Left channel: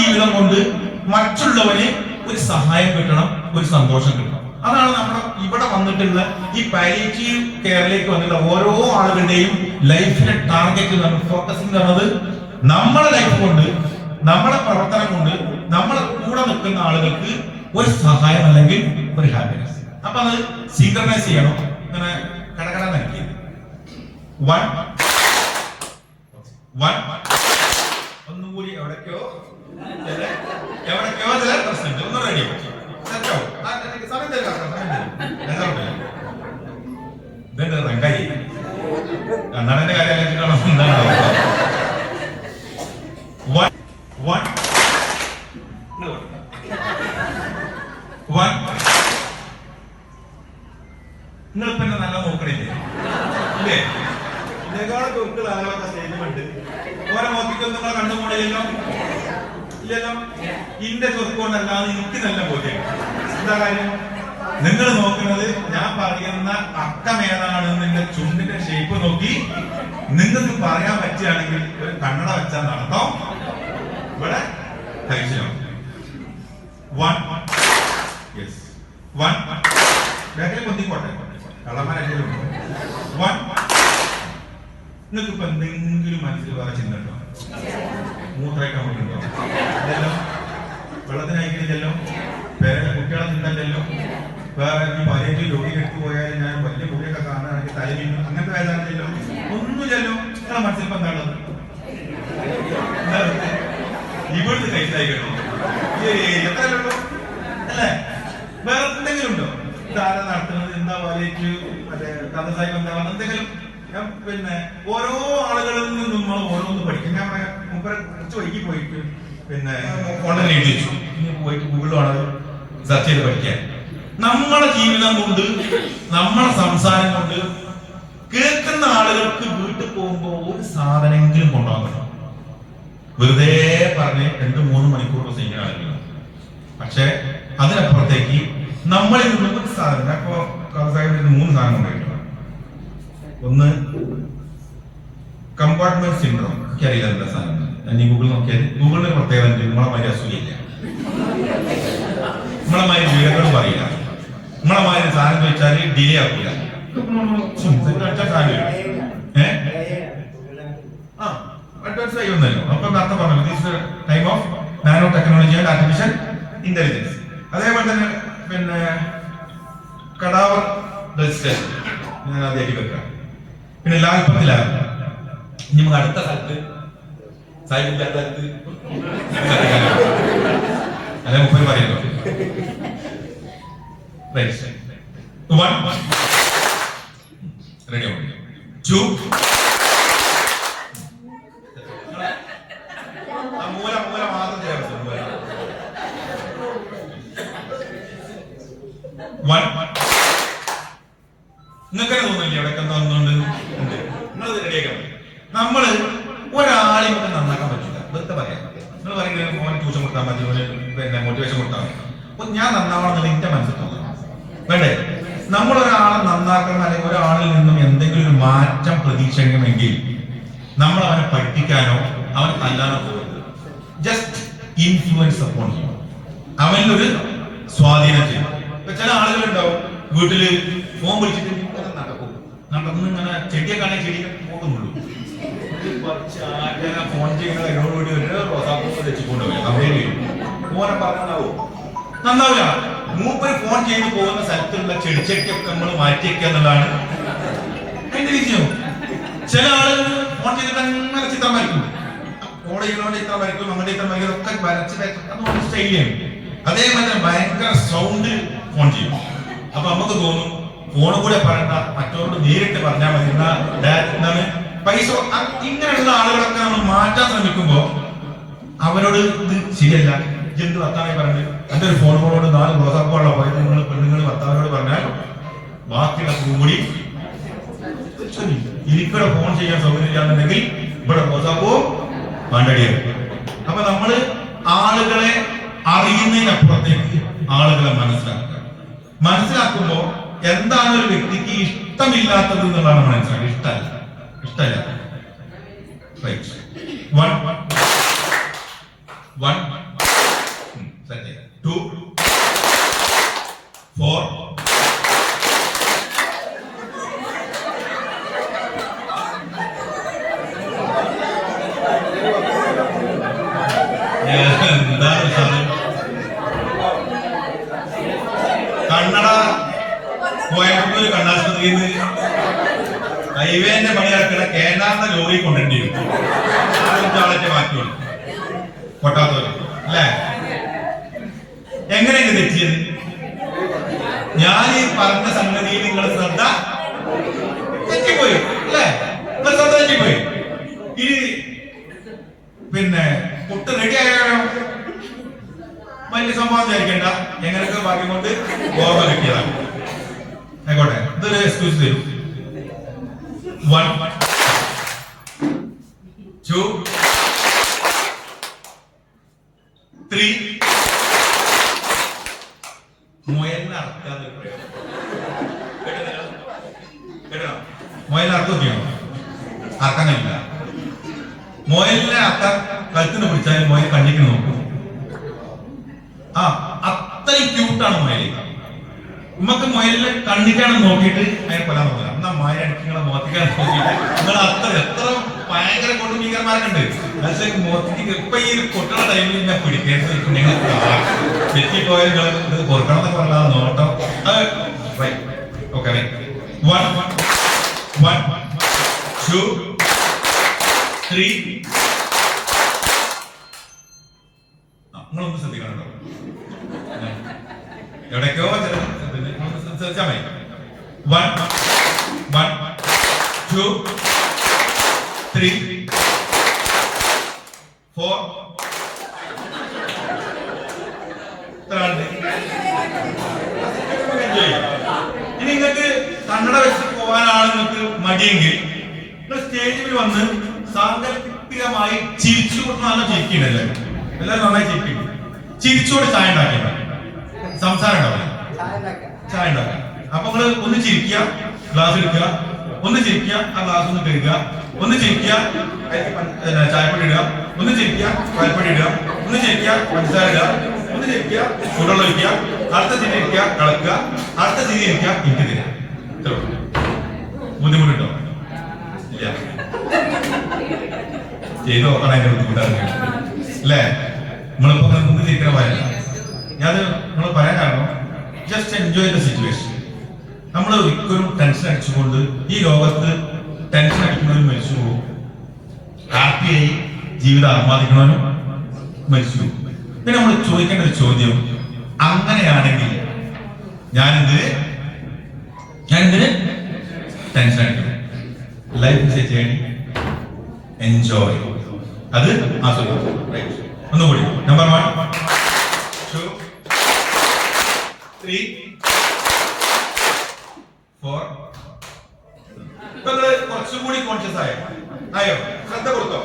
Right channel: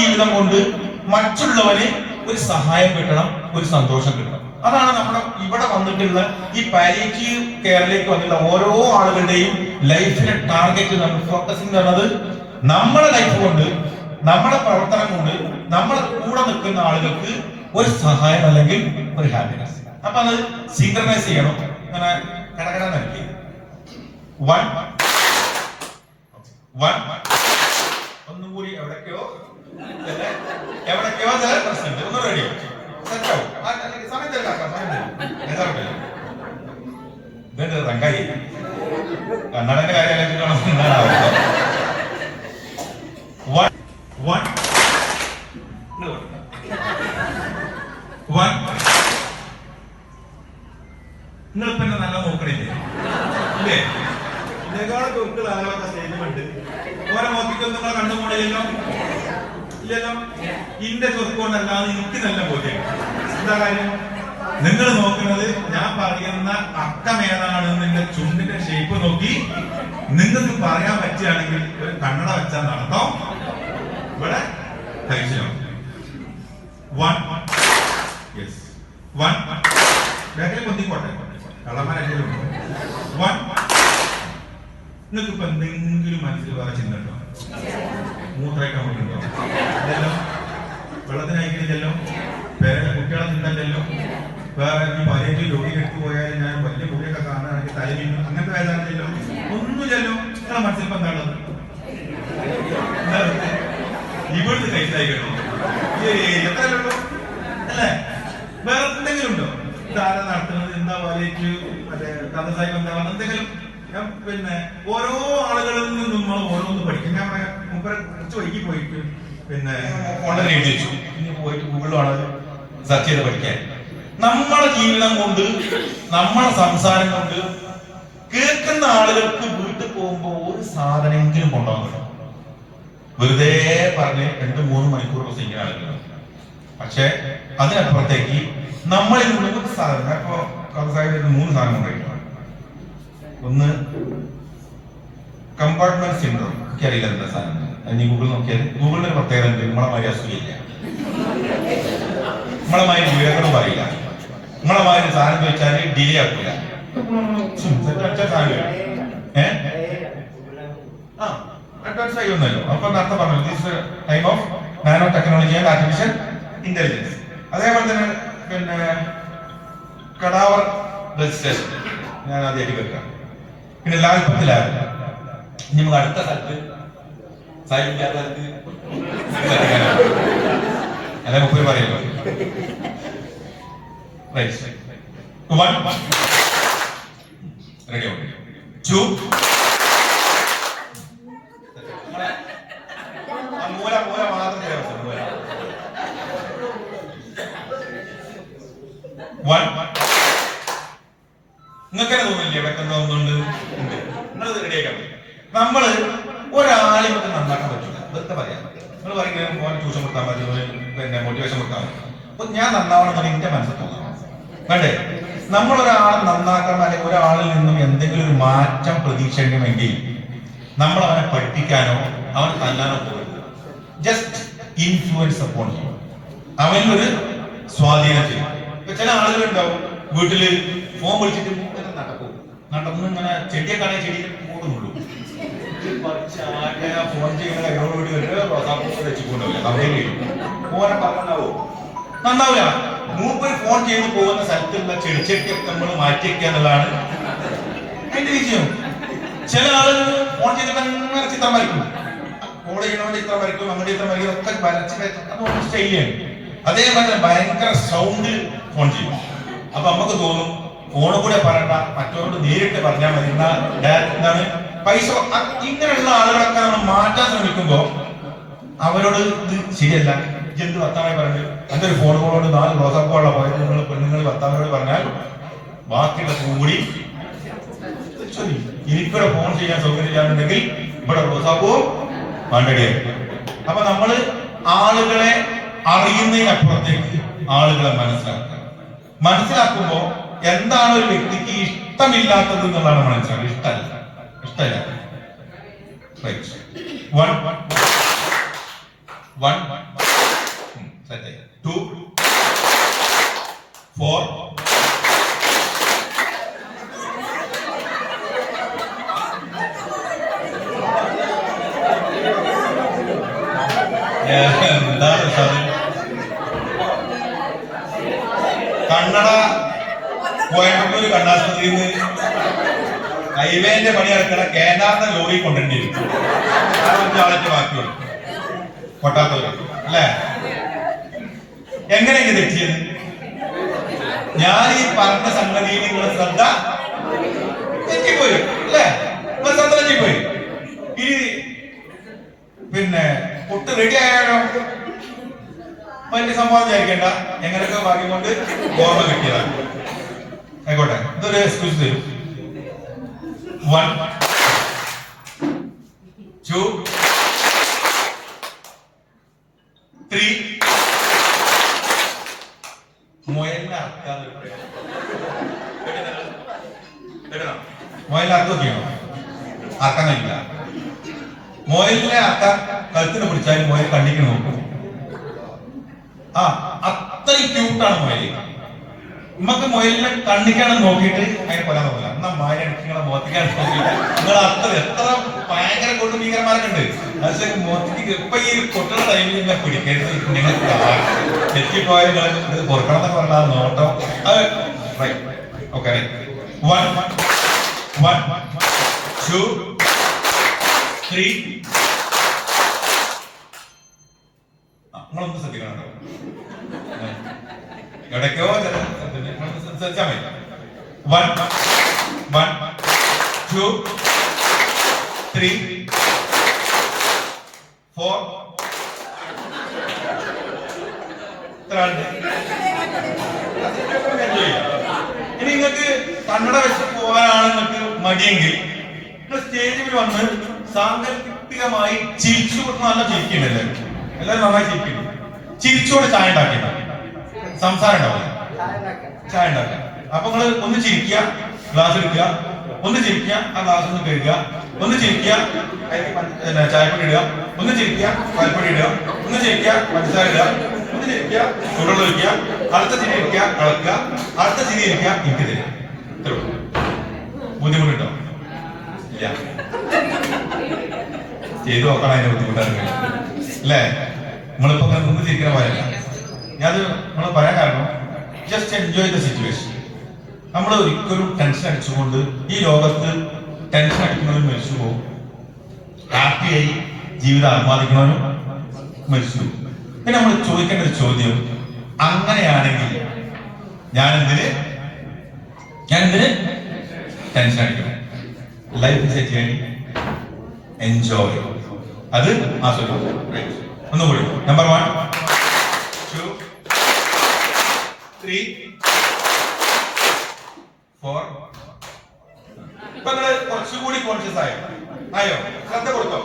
ജീവിതം കൊണ്ട് മറ്റുള്ളവന് ഒരു സഹായം കിട്ടണം, ഒരു സന്തോഷം കിട്ടണം. അതാണ് നമ്മുടെ ഇവിടെ വന്നിട്ടുള്ള ഈ പാലിയേറ്റീവ് കെയറിലേക്ക് വന്നിട്ടുള്ള ഓരോ ആളുകളുടെയും ലൈഫിലെ ടാർഗറ്റ്, നമുക്ക് ഫോക്കസിംഗ് ചെയ്യുന്നത് നമ്മളെ ലൈഫ് കൊണ്ട്, നമ്മളെ പ്രവർത്തനം കൊണ്ട് നമ്മളെ കൂടെ നിൽക്കുന്ന ആളുകൾക്ക് ഒരു സഹായം അല്ലെങ്കിൽ ഒരു ഹാപ്പിനെസ്. അപ്പൊ അത് സിങ്ക്രണൈസ് ചെയ്യണം. അങ്ങനെ കടകട നൽകി വൺ വൺ ഒന്നും കൂടി എവിടേക്കോ ചില പ്രശ്നമുണ്ട്. ഒന്ന് റെഡിയോ സമയം ഇതെന്ത് റങ്കായി കണ്ണടന്റെ കാര്യം നിങ്ങൾ പിന്നെ നല്ല നോക്കണില്ലേ ഇല്ലേ? ഇതിനേക്കാളൊക്കെ ഒരിക്കൽ ആലോചന സ്റ്റേറ്റ്മെന്റ് ഓരോ നോക്കിക്കൊന്നും നിങ്ങളെ കണ്ടുപോണില്ലല്ലോ, ഇല്ലല്ലോ. ഇന്റെ ചൊറുക്കൊണ്ടല്ലാതെ എനിക്ക് നല്ല ബോധ്യം. എന്താ കാര്യം? നിങ്ങൾ നോക്കുന്നത് ഞാൻ പറയുന്ന അക്കം ഏതാണെന്ന് ചുണ്ടിന്റെ ഷേപ്പ് നോക്കി നിങ്ങൾക്ക് പറയാൻ പറ്റുകയാണെങ്കിൽ ഒരു കണ്ണട വെച്ചാൽ നടത്തം ഇവിടെ കഴിച്ചോ. വൺ യെസ് വൺ ബാക്കിൽ കൊത്തിക്കോട്ടെ, കള്ളന്മാരെങ്കിലും വൺ. നിങ്ങൾക്ക് ഇപ്പൊ എന്തെങ്കിലും മനസ്സിൽ വേറെ ചിന്ത ഉണ്ടോ? മൂത്രയ്ക്കാൻ പറ്റുണ്ടോ? ഇല്ലല്ലോ. വെള്ളത്തിന് അയക്കണില്ലല്ലോ. പേരുടെ കുട്ടികളെ ചിന്തല്ലോ. വേറെ ഈ പതിനേറ്റ് രോഗിക്ക് എടുത്തു പോയാൽ ഞാൻ വലിയ കുട്ടിയൊക്കെ കാണുകയാണെങ്കിൽ തലവിന് അങ്ങനത്തെ വേദനയില്ലല്ലോ, ഒന്നുമില്ലല്ലോ. നിങ്ങളെ മനസ്സിൽ ഇപ്പൊ എന്താണുള്ളത്? ഇവിടുന്ന് കഴിച്ചായിക്കണോ? എത്രയല്ലോ അല്ലേ? വേറെ എന്തെങ്കിലും ഉണ്ടോ? ധാരണ നടത്തുന്നത് എന്താ പാലിയേറ്റീവ് മറ്റേ കഥസായി ബന്ധമാണ് എന്തെങ്കിലും? പിന്നെ ഓരോ ആളുകളിൽ നിന്നും നമ്മൾ ഓരോന്ന് പഠിക്കും. ഞാൻ മുമ്പ് കുറച്ച് വൈകി പോയിട്ട് പിന്നെ ഓൺലൈൻ എഴുതി വെച്ചു. ഇനി പോയിട്ട് ഗൂഗിളിലാണ് സെർച്ച് ചെയ്ത് പഠിക്കാൻ. നമ്മളെ ജീവിതം കൊണ്ട്, നമ്മളെ സംസാരം കൊണ്ട് കേൾക്കുന്ന ആളുകൾക്ക് വീട്ടിൽ പോകുമ്പോ ഒരു സാധനമെങ്കിലും കൊണ്ടുപോകണം. വെറുതെ പറഞ്ഞ് 2-3 മണിക്കൂർ പ്രസംഗിക്കുന്ന ആളുകൾ. പക്ഷെ അതിനപ്പുറത്തേക്ക് നമ്മളിൽ നിന്നും ഒരു സാധനം, ഇപ്പൊ കഥസാഹിബിന് 3 സാധനം കൊണ്ടുപോയിട്ടുണ്ട്. ഒന്ന് കമ്പാർട്ട്മെന്റ് സിൻഡ്രോം. എനിക്കറിയില്ല എന്താ സാധനം. ഇനി ഗൂഗിൾ നോക്കിയാൽ ഗൂഗിളിന് പ്രത്യേകത ഉണ്ട്. നമ്മളെ മാതിരി അസൂയില്ല, നമ്മളെ മാതിരി വിവരങ്ങളും പറയില്ല, നമ്മളെ മാതിരി സാധനം ചോദിച്ചാൽ ഡിലേ ആക്കില്ല. അഡ്വാൻസ് ആയിരുന്നല്ലോ. അപ്പൊ നേരത്തെ പറഞ്ഞു this time of nano technology and artificial intelligence. അതേപോലെ തന്നെ പിന്നെ കടാവർ രജിസ്ട്രേഷൻ ഞാൻ ആദ്യമായിട്ട് കേൾക്കാം. പിന്നെ ലാൽപ്പത്തിലാകും. ഇനി നമുക്ക് അടുത്ത സ്ഥലത്ത് സാഹിബ് അല്ലെ മുപ്പത് പറയുന്നു. റെഡി ടു മൂല മൂല മാത്രം നിങ്ങൾക്ക് തോന്നില്ലേ എവിടെയൊക്കെ തോന്നുന്നുണ്ട്? നിങ്ങളത് റെഡിയാക്കാൻ പറ്റും. നമ്മള് ഒരാളെ കൊണ്ട് നന്നാക്കാൻ പറ്റില്ല. ഇതൊക്കെ പറയാം. നിങ്ങൾ പറയുന്നത് മോനെ ട്യൂഷൻ കൊടുക്കാൻ പറ്റും, പിന്നെ മോട്ടിവേഷൻ കൊടുക്കാൻ പറ്റും. അപ്പൊ ഞാൻ നന്നാവണമെന്ന് എന്റെ മനസ്സിൽ തോന്നാം. കണ്ടേ, നമ്മളൊരാളെ നന്നാക്കാൻ അല്ലെങ്കിൽ ഒരാളിൽ നിന്നും എന്തെങ്കിലും ഒരു മാറ്റം പ്രതീക്ഷിക്കണമെങ്കിൽ നമ്മൾ അവനെ പഠിപ്പിക്കാനോ അവൻ തല്ലാനോ പോകരുത്. ജസ്റ്റ് ഇൻഫ്ലുവൻസ് അപ്പോൺ ചെയ്യും, അവനിലൊരു സ്വാധീനം ചെയ്യും. ഇപ്പൊ ചില ആളുകൾ ഉണ്ടാവും വീട്ടില് ഫോൺ വിളിച്ചിട്ട് നടന്ന് ഇങ്ങനെ ചെടിയെ കാണാൻ ചെടിയെ പോകുന്നുള്ളൂ. ഫോൺ ചെയ്യുന്ന എന്നോടുകൂടി ഓനെ പറഞ്ഞാവോ? നന്നാവില്ല. മൂപ്പര് ഫോൺ ചെയ്ത് പോകുന്ന സ്ഥലത്തുള്ള ചെടിച്ചട്ടിയൊക്കെ നമ്മൾ മാറ്റിവെക്കുക എന്നുള്ളതാണ് അതിന്റെ വിജയം. ചില ആളുകൾ ഫോൺ ചെയ്തിട്ട് അങ്ങനെ ചിത്രം വരയ്ക്കും. ഫോൺ ചെയ്യണോണ്ട് ഇത്ര വരയ്ക്കും, അങ്ങനെ ഇത്ര വരയ്ക്കും, ഒക്കെ വരച്ച് സ്റ്റൈലാണ്. അതേപോലെ ഭയങ്കര സൗണ്ടിൽ ഫോൺ ചെയ്യും. അപ്പൊ നമുക്ക് തോന്നും ഫോണ് കൂടെ പറയണ്ട, മറ്റവരോട് നേരിട്ട് പറഞ്ഞാൽ മതി. എന്താണ് പൈസ. ഇങ്ങനെയുള്ള ആളുകളൊക്കെ നമ്മൾ മാറ്റാൻ ശ്രമിക്കുമ്പോ അവരോട് ഇത് ശരിയല്ല, എന്ത് വർത്താനായി പറഞ്ഞു എന്റെ ഒരു ഫോൺ കോളോട് 4 വാട്സാപ്പുള്ള പോയത് നിങ്ങൾ പെണ്ണുങ്ങൾ വർത്താനോട് പറഞ്ഞാൽ ബാക്കിയുടെ ഫോൺ കൂടി എനിക്കിടെ ഫോൺ ചെയ്യാൻ സൗകര്യമില്ലാന്നുണ്ടെങ്കിൽ ഇവിടെ വാട്സാപ്പോ മണ്ടടിയാണ്. അപ്പൊ നമ്മള് ആളുകളെ അറിയുന്നതിനപ്പുറത്തേക്ക് ആളുകളെ മനസ്സിലാക്കുമ്പോ എന്താണ് ഒരു വ്യക്തിക്ക് ഇഷ്ടമില്ലാത്തത് എന്നുള്ളതാണ് മനസ്സിലാക്കുക. ഇഷ്ടമല്ല. One. 2 4 എന്താണ് സാറ് കണ്ണട കോയമ്പത്തൂർ കണ്ണാസ്പത്രിയിൽ നിന്ന് ഹൈവേന്റെ പണി നടക്കണ കേരള ലോറി കൊണ്ടുവരേണ്ടി വരും ആളെ മാറ്റി കൊട്ടാത്തൂര് അല്ലേ? എങ്ങനെയൊക്കെ തെറ്റിയത്? ഞാൻ ഈ പറഞ്ഞ സംഗതി നിങ്ങൾ ശ്രദ്ധ തെറ്റിപ്പോയി അല്ലേ? ശ്രദ്ധ തെറ്റിപ്പോയി. ഇനി പിന്നെ പുട്ട് റെഡി ആയാലോ? വലിയ സംഭവം വിചാരിക്കേണ്ട, എങ്ങനെയൊക്കെ ഭാഗ്യം കൊണ്ട് ഓർമ്മ കിട്ടിയതാണ്. ആയിക്കോട്ടെ, ഇതൊരു എക്സ്ക്യൂസ് തരും. 1 2 3 മുയലിനെ അറക്കാതെ മുയലിനെ അർത്ഥം നോക്കിയോ? അറക്കാൻ കഴിയില്ല. മുയലിനെ അറക്കാൻ കഴുത്തിന് പിടിച്ചാൽ മുയൽ കണ്ണിക്ക് നോക്കും. അത്രയും ക്യൂട്ടാണ് മുയൽ. നമുക്ക് മുയലിനെ കണ്ണിക്കാണെന്ന് നോക്കിയിട്ട് അതിനെ കൊല്ലാൻ നോക്കില്ല. എന്നാ മുയൽ നിങ്ങളെ മോത്തിക്കാണെന്ന് നോക്കിയിട്ട് നിങ്ങൾ എത്ര ഭയങ്കര കൊടുമീകരന്മാരൊക്കെ ഉണ്ട്. പക്ഷെ മോത്തിക്ക് ഇപ്പൊ ഈ കുട്ടികളുടെ ടൈമിൽ ഞാൻ പിടിക്കേണ്ടത് നിങ്ങൾ തെറ്റിപ്പോയാൽ ഇത് കൊടുക്കണം എന്ന് പറഞ്ഞാൽ നോട്ടോ അത് ഓക്കെ. 1 2 3 നിങ്ങളൊന്ന് ശ്രദ്ധിക്കണം. എവിടേക്കോ ശ്രദ്ധിച്ചാൽ മതി. 1 2 3 4 ഇനി നിങ്ങൾക്ക് കണ്ണട വെച്ച് പോകാനാണ് നിങ്ങൾക്ക് മടിയെങ്കിൽ നിങ്ങൾ സ്റ്റേജിൽ വന്ന് സാങ്കല്പികമായി ചിരിച്ചുകൊണ്ട് നല്ല ചിരിക്കുന്നുണ്ട്. എല്ലാവരും നന്നായി ചിരിക്കുന്നു. ചിരിച്ചുകൊണ്ട് ചായ ഉണ്ടാക്കില്ല, സംസാരം ഉണ്ടാവില്ല. ചായ ഉണ്ടാക്കുക. അപ്പൊ നിങ്ങൾ ഒന്ന് ചിരിക്കുക, ഗ്ലാസ് എടുക്കുക, ഒന്ന് ചിരിക്കുക, ആ ഗ്ലാസ് ഒന്ന് കഴുകുക, ഒന്ന് ചിരിക്കുക, ചായപ്പൊടി ഇടുക, ഒന്ന് ചിരിക്കുക, പാൽപ്പൊടി ഇടുക, ഒന്ന് ചിരിക്കുക, പഞ്ചസാര ഇടുക, ഒന്ന് ചിരിക്കുക, ചൂടുവെള്ളം ഒഴിക്കുക, അടുത്ത ചിരി ഇരിക്കുക, കളക്കുക, അടുത്ത ചിരി ഇരിക്കുക, എനിക്ക് തരിക. ഇത്രോ ബുദ്ധിമുട്ടുണ്ടോ? ഇല്ല. ചെയ്തു നോക്കണം അതിന്റെ ബുദ്ധിമുട്ടാണ് അല്ലേ? നിങ്ങളിപ്പോ നിന്ന് ചിരിക്കണ പറയല്ല. ഞാൻ നിങ്ങൾ പറയാൻ കാരണം ജസ്റ്റ് എൻജോയ് ദ സിറ്റുവേഷൻ. നമ്മൾ ഒരിക്കലും ടെൻഷൻ അടിച്ചുകൊണ്ട് ഈ ലോകത്ത് ടെൻഷൻ അടിക്കുന്നവനും മരിച്ചു പോകും, ഹാപ്പിയായി ജീവിതം ആസ്വാദിക്കണവനും മരിച്ചു പോകും. പിന്നെ നമ്മൾ ചോദിക്കേണ്ട ഒരു ചോദ്യം, അങ്ങനെയാണെങ്കിൽ ഞാനെന്തിന് ടെൻഷൻ അടിക്കണം? ലൈഫ് സെറ്റ് ചെയ്യണം, എൻജോയ്, അത് ആസ്വദിക്കണം. ഒന്നുകൂടി നമ്പർ 1 2 3 4. ഇപ്പൊ കുറച്ചുകൂടി കോൺഷ്യസ് ആയോ? ശ്രദ്ധ കൊടുത്തോ?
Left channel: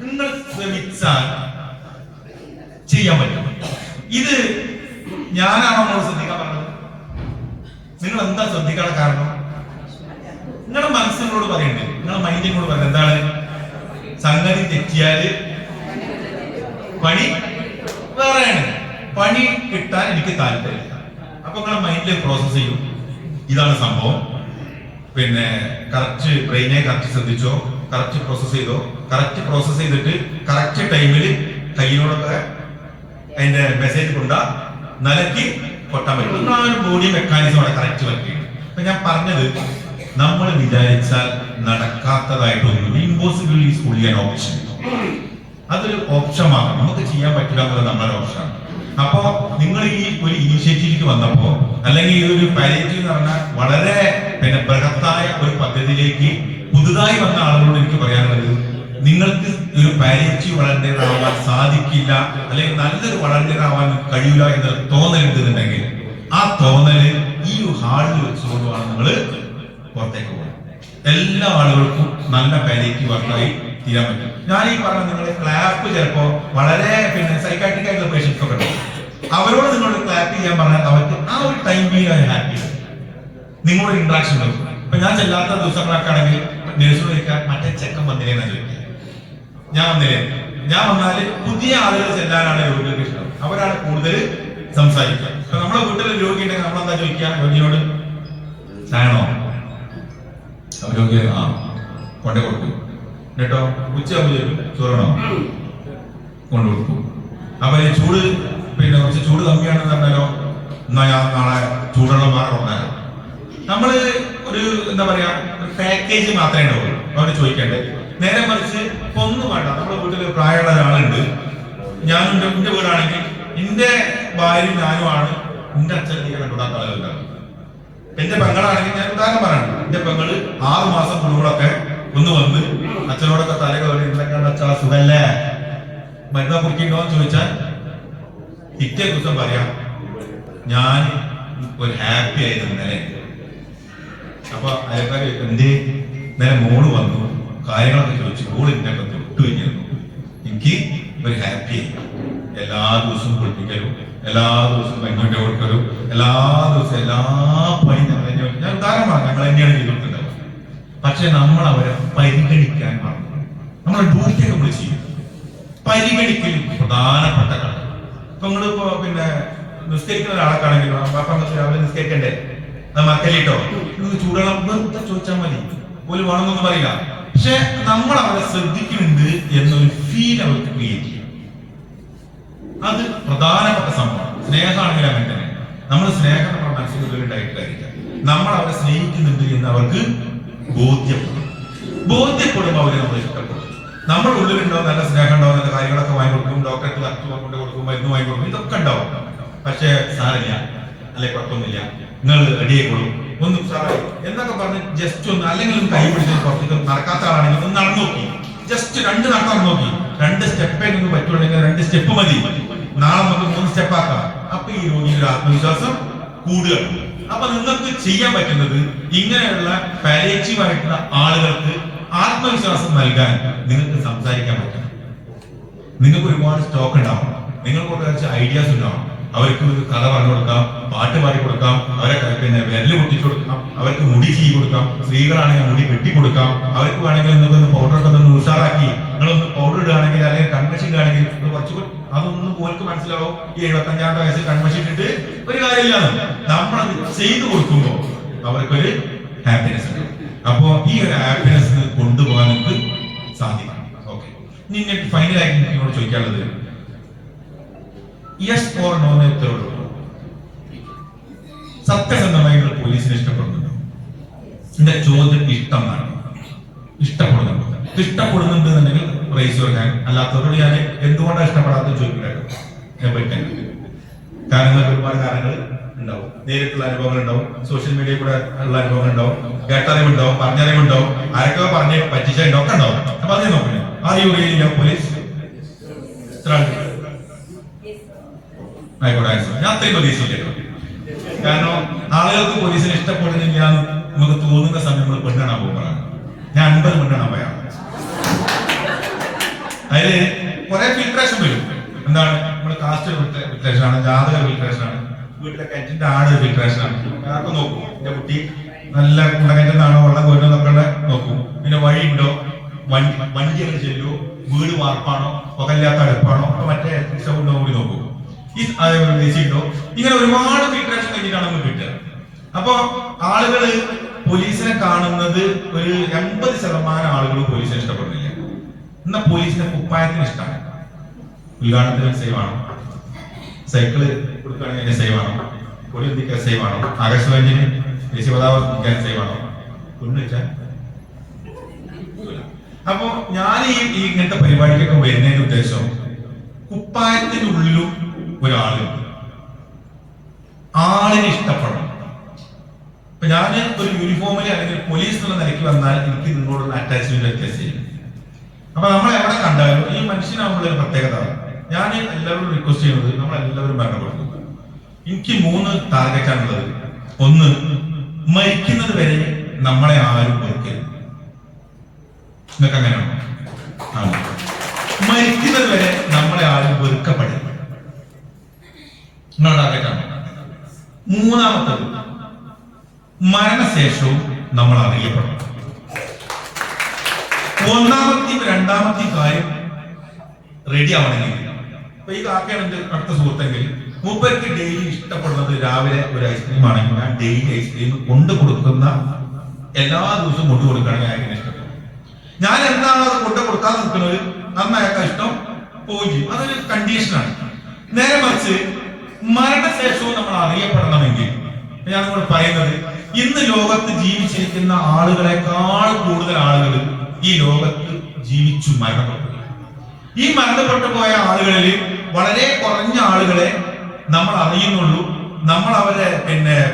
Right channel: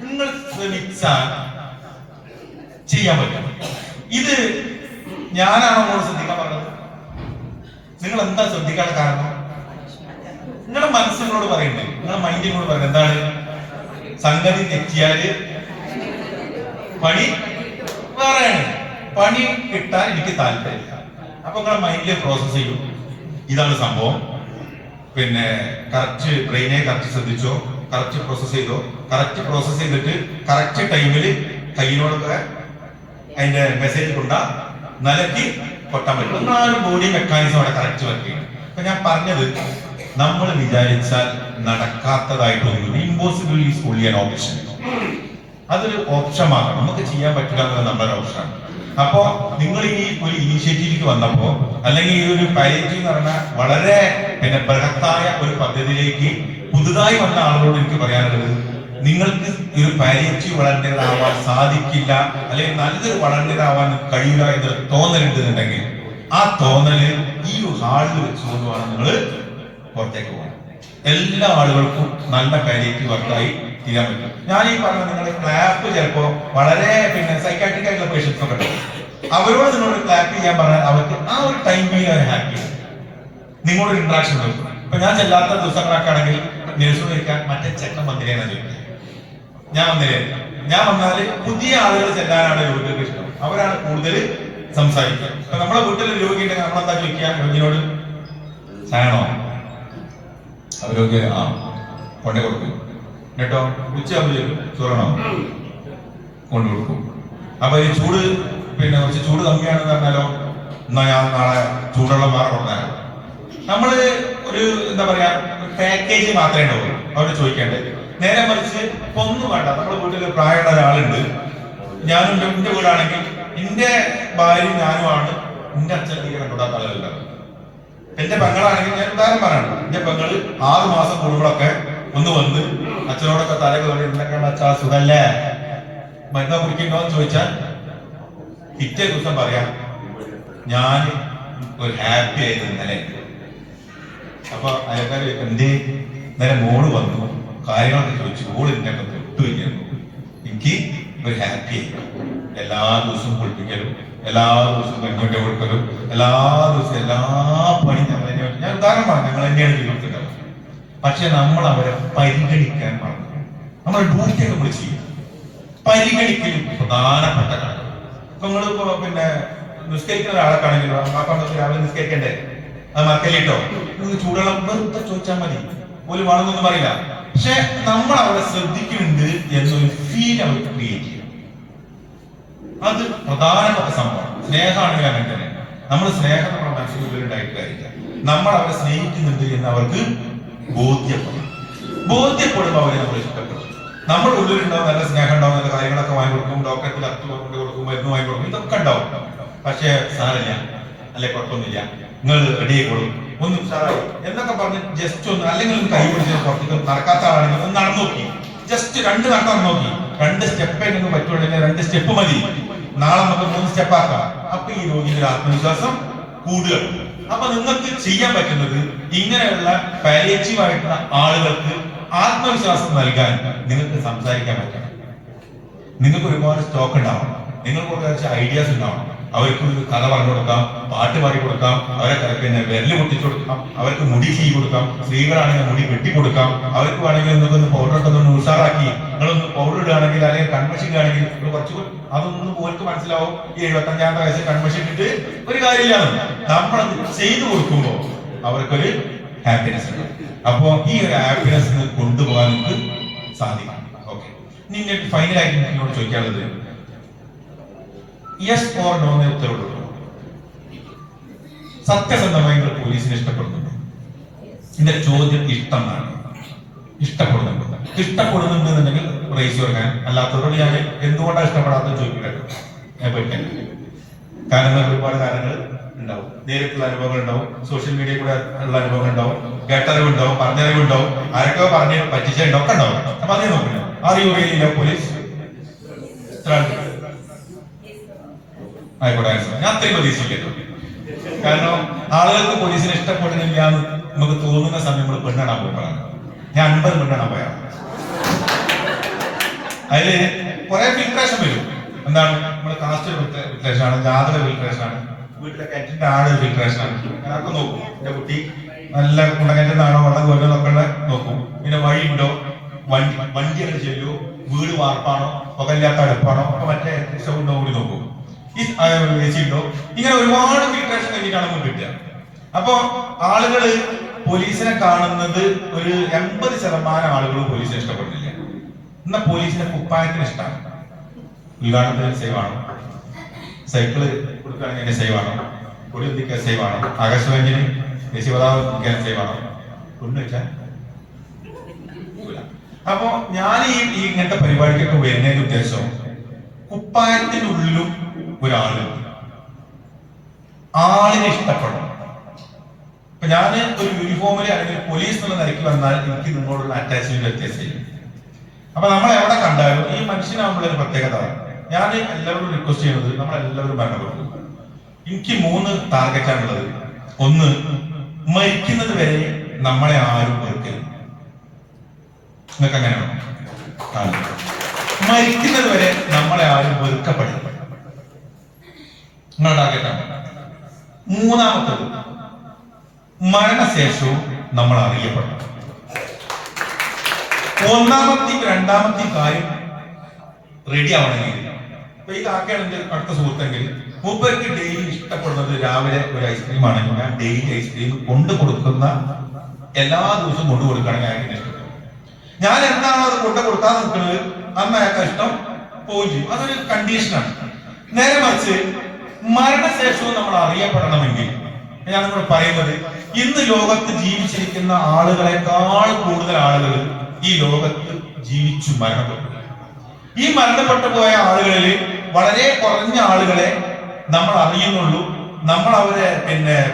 നിങ്ങൾ ശ്രമിച്ചാൽ ചെയ്യാൻ പറ്റും. ഇത് ഞാനാണോ നിങ്ങൾ ശ്രദ്ധിക്കാൻ പറഞ്ഞത്? നിങ്ങൾ എന്താ ശ്രദ്ധിക്കാൻ കാരണം? നിങ്ങളുടെ മനസ്സിനോട് പറയുന്നുണ്ട്, നിങ്ങളുടെ മൈൻഡിനോട് പറയുന്നത് എന്താണ്? സംഗതി തെറ്റിയാല് പണി വേറെയാണ്, പണി കിട്ടാൻ എനിക്ക് താല്പര്യമില്ല. അപ്പൊ നിങ്ങളുടെ മൈൻഡിൽ പ്രോസസ് ചെയ്യും, ഇതാണ് സംഭവം. പിന്നെ കറക്റ്റ് ബ്രെയിനെ കറക്റ്റ് ശ്രദ്ധിച്ചോ, കറക്റ്റ് പ്രോസസ് ചെയ്തോ, കറക്റ്റ് പ്രോസസ് ചെയ്തിട്ട് കറക്റ്റ് ടൈമിൽ കയ്യിലൂടെ അതിന്റെ മെസ്സേജ് കൊണ്ടാ നിലയ്ക്ക് കൊട്ടാൻ പറ്റും. നിങ്ങൾ ആ ഒരു ബോഡി മെക്കാനിസം അവിടെ കറക്റ്റ് വർക്ക് ചെയ്യും. അപ്പൊ ഞാൻ പറഞ്ഞത്, നമ്മൾ വിചാരിച്ചാൽ നടക്കാത്തതായിട്ടൊന്നും, impossible is only an option. അതൊരു ഓപ്ഷനാണ്, നമുക്ക് ചെയ്യാൻ പറ്റില്ല എന്നുള്ളത് നമ്മുടെ ഓപ്ഷനാണ്. അപ്പോ നിങ്ങൾ ഈ ഒരു ഇനീഷ്യേറ്റീവിലേക്ക് വന്നപ്പോ, അല്ലെങ്കിൽ ഈ ഒരു പാലിയേറ്റീവ് എന്ന് പറഞ്ഞാൽ വളരെ ബൃഹത്തായ ഒരു പദ്ധതിയിലേക്ക് പുതുതായി വന്ന ആളുകളോട് എനിക്ക് പറയാനുള്ളത്, നിങ്ങൾക്ക് ഒരു പാലിയേറ്റീവ് വളണ്ടിയർ ആവാൻ സാധിക്കില്ല, അല്ലെങ്കിൽ നല്ലൊരു വളണ്ടിയർ ആവാൻ കഴിയില്ല എന്നൊരു തോന്നലുണ്ടെന്നുണ്ടെങ്കിൽ ആ തോന്നല് ഈ ഹാളിൽ വെച്ചുകൊണ്ടുമാണ് നിങ്ങൾ പുറത്തേക്ക് പോകുന്നത്. എല്ലാ ആളുകൾക്കും നല്ല പാലിയേറ്റീവ് വർക്കായി തീരാൻ പറ്റും. ഞാൻ ഈ പറഞ്ഞ നിങ്ങളുടെ ക്ലാപ്പ് ചിലപ്പോ വളരെ സൈക്കാട്രിക് ആയിട്ടുള്ള പേഷ്യൻസ് ഒക്കെ ഉണ്ടാവും. അവരോട് നിങ്ങളോട് ക്ലാപ്പ് ചെയ്യാൻ പറഞ്ഞാൽ അവർക്ക് ആ ഒരു ടൈമിൽ അവർ ഹാപ്പി, നിങ്ങളോട് ഇന്ററാക്ഷൻ ഉണ്ടാവും. ഇപ്പൊ ഞാൻ ചെല്ലാത്ത ദിവസങ്ങളൊക്കെയാണെങ്കിൽ നേഴ്സോട് ചോദിക്കാൻ മറ്റേ ചെക്കൻ വന്നില്ലേന്നാ ചോദിക്കുക. ഞാൻ വന്നാല് പുതിയ ആളുകൾ ചെല്ലാനാണ് ഇവർക്ക് ഇഷ്ടം. അവ അവരാണ് കൂടുതൽ സംസാരിക്കുക. അപ്പൊ നമ്മളെ വീട്ടിൽ രോഗി ഉണ്ടെങ്കിൽ നമ്മളെന്താ ചോദിക്കുക രോഗിയോട്? ചായണോ? രോഗി കൊണ്ടേ കൊടുക്കും കേട്ടോ. ഉച്ചയാകുമ്പോൾ ചോദിക്കും ചോറാണോ? കൊണ്ടു കൊടുക്കും. അപ്പൊ ഈ ചൂട് പിന്നെ കുറച്ച് ചൂട് കമ്മിയാണെന്ന് പറഞ്ഞാലോ, എന്നാ ഞാൻ നാളെ ചൂടുള്ള മാറ കൊണ്ടാലോ. നമ്മള് ഒരു എന്താ പറയാ പാക്കേജ് മാത്രമേ ഉണ്ടാവുള്ളൂ അവര് ചോദിക്കണ്ടേ. നേരെ മറിച്ച് ഒന്നും വേണ്ട. നമ്മുടെ വീട്ടിൽ പ്രായമുള്ള ഒരാളുണ്ട്, ഞാനും എന്റെ വീടാണെങ്കിൽ എന്റെ ഭാര്യയും ഞാനുമാണ് എന്റെ അച്ഛൻ എനിക്ക് കണ്ടുകൊണ്ടാത്ത ആളുകളുണ്ടാവും. എന്റെ പെങ്ങളാണെങ്കിൽ ഞാൻ ഉദാഹരണം പറയാണ്, എന്റെ പെങ്ങള് 6 മാസം കൂടുമ്പോഴൊക്കെ ഒന്ന് വന്ന് അച്ഛനോടൊക്കെ തലക്ക് വേണ്ടി എന്തൊക്കെയാണ് അച്ഛാ സുഖല്ലേ മരുന്നാ കുടിക്കണ്ടോ എന്ന് ചോദിച്ചാൽ പിറ്റേ ദിവസം പറയാം ഞാൻ ഒരു ഹാപ്പി ആയിരുന്നു ഇന്നലെ. അപ്പൊ അയാൾക്കാർ എന്റെ ഇന്നലെ മോള് വന്നു കാര്യങ്ങളൊക്കെ ചോദിച്ചു, മോള് ഇതിനൊക്കെ തൊട്ടു കഴിഞ്ഞിരുന്നു, എനിക്ക് ഒരു ഹാപ്പി ആയി. എല്ലാ ദിവസവും കുളിപ്പിക്കലും എല്ലാ ദിവസവും കഞ്ഞിട്ട് കൊടുക്കലും എല്ലാ ദിവസവും എല്ലാ പണിയും ഞാൻ ഉദാഹരണമാണ് ഞങ്ങൾ തന്നെയാണ് ചെയ്തിട്ടുണ്ടാവും. പക്ഷെ നമ്മൾ അവരെ പരിഗണിക്കാൻ പറഞ്ഞു. നമ്മുടെ ഡ്യൂട്ടിയൊക്കെ നമ്മൾ ചെയ്യും. പരിഗണിക്കലും പ്രധാനപ്പെട്ട കാര്യം. ഇപ്പൊ നിങ്ങളിപ്പോ പിന്നെ നിസ്കരിക്കുന്ന ഒരാളെ കാണെങ്കിൽ രാവിലെ നിസ്കരിക്കണ്ടേ, ആ മക്കലിട്ടോ ചൂടുവെള്ളം വെറുതെ ചോദിച്ചാൽ മതി, ഒരു വേണമെന്നൊന്നും പറയില്ല. പക്ഷെ നമ്മൾ അവരെ ശ്രദ്ധിക്കുന്നുണ്ട് എന്നൊരു ഫീൽ അവർക്ക് ക്രിയേറ്റ് ചെയ്യും. അത് പ്രധാനപ്പെട്ട സംഭവം. സ്നേഹമാണെങ്കിൽ അങ്ങനെ തന്നെ. നമ്മൾ സ്നേഹം നമ്മുടെ മനസ്സിലുള്ളിലുണ്ടായിട്ട് കാര്യമില്ല. നമ്മൾ അവരെ സ്നേഹിക്കുന്നുണ്ട് എന്ന് അവർക്ക് ബോധ്യപ്പെടുമ്പോൾ അവരെ നമ്മൾ ഇഷ്ടപ്പെടും. നമ്മുടെ ഉള്ളിലുണ്ടാവും നല്ല സ്നേഹം ഉണ്ടാവും, നല്ല കാര്യങ്ങളൊക്കെ വാങ്ങി കൊടുക്കും, ഡോക്ടർക്ക് കത്ത് കൊണ്ട് കൊടുക്കും, മരുന്ന് വാങ്ങി കൊടുക്കും, ഇതൊക്കെ ഉണ്ടാവും. പക്ഷെ സാരമില്ല, അല്ലെ കുഴപ്പമൊന്നുമില്ല, നിങ്ങൾ റെഡിയായി കൊടുക്കും, ഒന്നും സാറായി എന്നൊക്കെ പറഞ്ഞ് ജസ്റ്റ് ഒന്ന് അല്ലെങ്കിൽ ഒന്ന് കൈ പിടിച്ച് പുറത്തേക്ക് നടക്കാത്ത ആളാണെങ്കിൽ ഒന്ന് നടന്നു നോക്കി, ജസ്റ്റ് 2 നടക്കാൻ നോക്കി, 2 സ്റ്റെപ്പേ നിങ്ങൾക്ക് പറ്റുള്ളൂ, 2 സ്റ്റെപ്പ് മതി, നാളെ നമുക്ക് 3 സ്റ്റെപ്പ് ആക്കാം. അപ്പൊ ഈ രോഗിയുടെ ആത്മവിശ്വാസം കൂടുകയാണ്. അപ്പൊ നിങ്ങൾക്ക് ചെയ്യാൻ പറ്റുന്നത് ഇങ്ങനെയുള്ള പാലിയേറ്റീവ് ആയിട്ടുള്ള ആളുകൾക്ക് ആത്മവിശ്വാസം നൽകാൻ നിങ്ങൾക്ക് സംസാരിക്കാൻ പറ്റും. നിങ്ങൾക്ക് ഒരുപാട് സ്റ്റോക്ക് ഉണ്ടാവും, നിങ്ങൾക്ക് കുറച്ച് ഐഡിയാസ് ഉണ്ടാവും. അവർക്ക് കഥ പറഞ്ഞു കൊടുക്കാം, പാട്ട് പാടി കൊടുക്കാം, അവരെ പിന്നെ വിരല് പൊട്ടിച്ചു കൊടുക്കാം, അവർക്ക് മുടി ചെയ്ത് കൊടുക്കാം, സ്ത്രീകളാണെങ്കിൽ മുടി വെട്ടിക്കൊടുക്കാം, അവർക്ക് വേണമെങ്കിൽ നിങ്ങൾക്ക് പൗഡർ ഒക്കെ ഒന്ന് ഉഷാറാക്കി നിങ്ങളൊന്ന് പൗഡർ ഇടുകയാണെങ്കിൽ അല്ലെങ്കിൽ കൺമഷി ഇടുകയാണെങ്കിൽ കുറച്ചുകൂടി അതൊന്നും പോർക്ക് മനസ്സിലാവും. ഈ 75-ാമത്തെ വയസ്സിൽ കൺമഷി ഇട്ടിട്ട് ഒരു കാര്യമില്ല. നമ്മളത് ചെയ്തു കൊടുക്കുമ്പോൾ അവർക്കൊരു ഹാപ്പിനെസ് ഉണ്ട്. അപ്പോ ഈ ഒരു ഹാപ്പിനെസ് കൊണ്ടുപോകാൻ നിങ്ങൾക്ക് സാധിക്കും. ഓക്കെ, ഇനി ഫൈനലായിട്ട് നിങ്ങളോട് ചോദിക്കാനുള്ളത് യെസ് ഓർ നോ എന്നുള്ളൂ. സത്യസന്ധമായി പോലീസിനെ ഇഷ്ടപ്പെടുന്നുണ്ട്? എന്റെ ചോദ്യം ഇഷ്ടമാണ്. ഇഷ്ടപ്പെടുന്നുണ്ട് എന്നുണ്ടെങ്കിൽ റേസ് യുവർ ഹാൻഡ്. അല്ലാത്തവരോട് ഞാൻ എന്തുകൊണ്ടാണ് ഇഷ്ടപ്പെടാത്തത് ചോദിക്കട്ടോ. ഞാൻ പറ്റാൻ കാരണം ഒരുപാട് കാരണങ്ങൾ ഉണ്ടാവും. നേരിട്ടുള്ള അനുഭവങ്ങൾ ഉണ്ടാവും, സോഷ്യൽ മീഡിയ കൂടെ ഉള്ള അനുഭവങ്ങൾ ഉണ്ടാവും, കേട്ടറിവുണ്ടാവും, പറഞ്ഞറിവുണ്ടാവും, ആരൊക്കെ പറഞ്ഞ് പറ്റിച്ചുണ്ടാവും ഒക്കെ ഉണ്ടാവും. അപ്പൊ അതേ നോക്കുന്നു. അറിയുകയില്ല പോലീസ് ആയിക്കോട്ടെ. ഞാൻ അത്രയും പ്രതീക്ഷിക്കല്ലോ. കാരണം ആളുകൾക്ക് പോലീസിനെ ഇഷ്ടപ്പെടുന്നില്ല എന്ന് നമുക്ക് തോന്നുന്ന സമയം നമ്മൾ പെണ്ണാൻ പോകുമ്പോഴാണ്. ഞാൻ 50 പെണ്ണാൻ പോയാണ്. അതില് കുറെ ഫിൽട്രേഷൻ വരും. എന്താണ്? നമ്മള് കാസ്റ്റ് ഫിൽട്രേഷൻ ആണ്, ജാതക ഫിൽട്രേഷൻ ആണ്, വീട്ടിലെ കിണറ്റിന്റെ ആട് ഫിൽട്രേഷൻ ആണ്. അതൊക്കെ നോക്കും. എന്റെ കുട്ടി നല്ല കുണ്ടകിണറ്റിനാണോ വെള്ളം കോരുന്നതൊക്കെ നോക്കും. പിന്നെ വഴി ഉണ്ടോ, വണ്ടിയൊക്കെ ചെല്ലുമോ, വീട് വാർപ്പാണോ, പുകയില്ലാത്ത അടുപ്പാണോ, അപ്പൊ മറ്റേ ഷോണ്ടോ കൂടി നോക്കും. ഈ ഉണ്ടോ, ഇങ്ങനെ ഒരുപാട് ഫിൽട്രേഷൻ കഴിഞ്ഞിട്ടാണ് നമ്മൾ കിട്ടുക. അപ്പൊ ആളുകള് പോലീസിനെ കാണുന്നത് ഒരു 80% ആളുകൾ പോലീസിനെ ഇഷ്ടപ്പെടുന്നില്ല. എന്നാ പോലീസിന്റെ കുപ്പായത്തിന് ഇഷ്ടമാണ്. ഉദ്ഘാടനത്തിന് സേവ് ആണോ, സൈക്കിള് കൊടുക്കുകയാണെങ്കിൽ സേവ് ആണോ, കൊടി എത്തിക്കാൻ സേവ് ആണോ, ആകാശവാണിന് ദേശീയപതാക എത്തിക്കാൻ സേവ് ആണോ, കൊണ്ടു വെച്ചാൽ. അപ്പോ ഞാൻ ഈ ഇങ്ങനത്തെ പരിപാടിക്കൊക്കെ വരുന്നതിന്റെ ഉദ്ദേശം കുപ്പായത്തിനുള്ളിലും ആളിനെ ഇഷ്ടപ്പെടണം. ഇപ്പൊ ഞാൻ ഒരു യൂണിഫോമിൽ അല്ലെങ്കിൽ പോലീസ് എന്നുള്ള നിലയ്ക്ക് വന്നാൽ എനിക്ക് നിങ്ങളോടുള്ള അറ്റാച്ച്മെന്റ് വ്യത്യാസം. അപ്പൊ നമ്മൾ എവിടെ കണ്ടാലും ഈ മനുഷ്യനാകുമ്പോഴൊരു പ്രത്യേകത. ഞാൻ എല്ലാവരും റിക്വസ്റ്റ് ചെയ്യുന്നത് നമ്മളെല്ലാവരും ബന്ധപ്പെടും. എനിക്ക് 3 ടാർഗറ്റാണുള്ളത്. 1, മരിക്കുന്നത് വരെ നമ്മളെ ആരും വെറുക്കരുത്. നിങ്ങൾക്ക് അങ്ങനെയാണോ? മരിക്കുന്നത് വരെ നമ്മളെ ആരും വെറുക്കപ്പെടരുത്. നിങ്ങളുടെ ടാർഗറ്റാണ്. 3ാമത്തത്, മരണശേഷവും നമ്മൾ അറിയപ്പെടും. 1ാമത്തെയും 2ാമത്തെയും കാര്യം റെഡി ആവണമെങ്കിൽ അപ്പൊ ഈ കാക്കയാണ് എന്റെ അടുത്ത സുഹൃത്തെങ്കിൽ മൂപ്പർക്ക് ഡെയിലി ഇഷ്ടപ്പെടുന്നത് രാവിലെ ഒരു ഐസ്ക്രീം ആണെങ്കിൽ ഞാൻ ഡെയിലി ഐസ്ക്രീം കൊണ്ടു കൊടുക്കുന്ന എല്ലാ ദിവസവും കൊണ്ടു കൊടുക്കുകയാണെങ്കിൽ അയാൾക്ക് ഇഷ്ടപ്പെടും. ഞാൻ എന്നാണ് അത് കൊണ്ടു കൊടുക്കാൻ നിൽക്കുന്നത് അന്ന് അയാൾക്ക് ഇഷ്ടം പോവുകയും ചെയ്യും. അതൊരു കണ്ടീഷനാണ്. നേരെ മറിച്ച് മരണശേഷവും നമ്മൾ അറിയപ്പെടണമെങ്കിൽ ഞാൻ നിങ്ങളോട് പറയുന്നത്, ഇന്ന് ലോകത്ത് ജീവിച്ചിരിക്കുന്ന ആളുകളെക്കാൾ കൂടുതൽ ആളുകൾ ഈ ലോകത്ത് ജീവിച്ചു മരണപ്പെട്ടു. ഈ മരണപ്പെട്ടു പോയ ആളുകളിൽ വളരെ കുറഞ്ഞ ആളുകളെ നമ്മൾ അറിയുന്നുള്ളൂ, നമ്മൾ അവരെ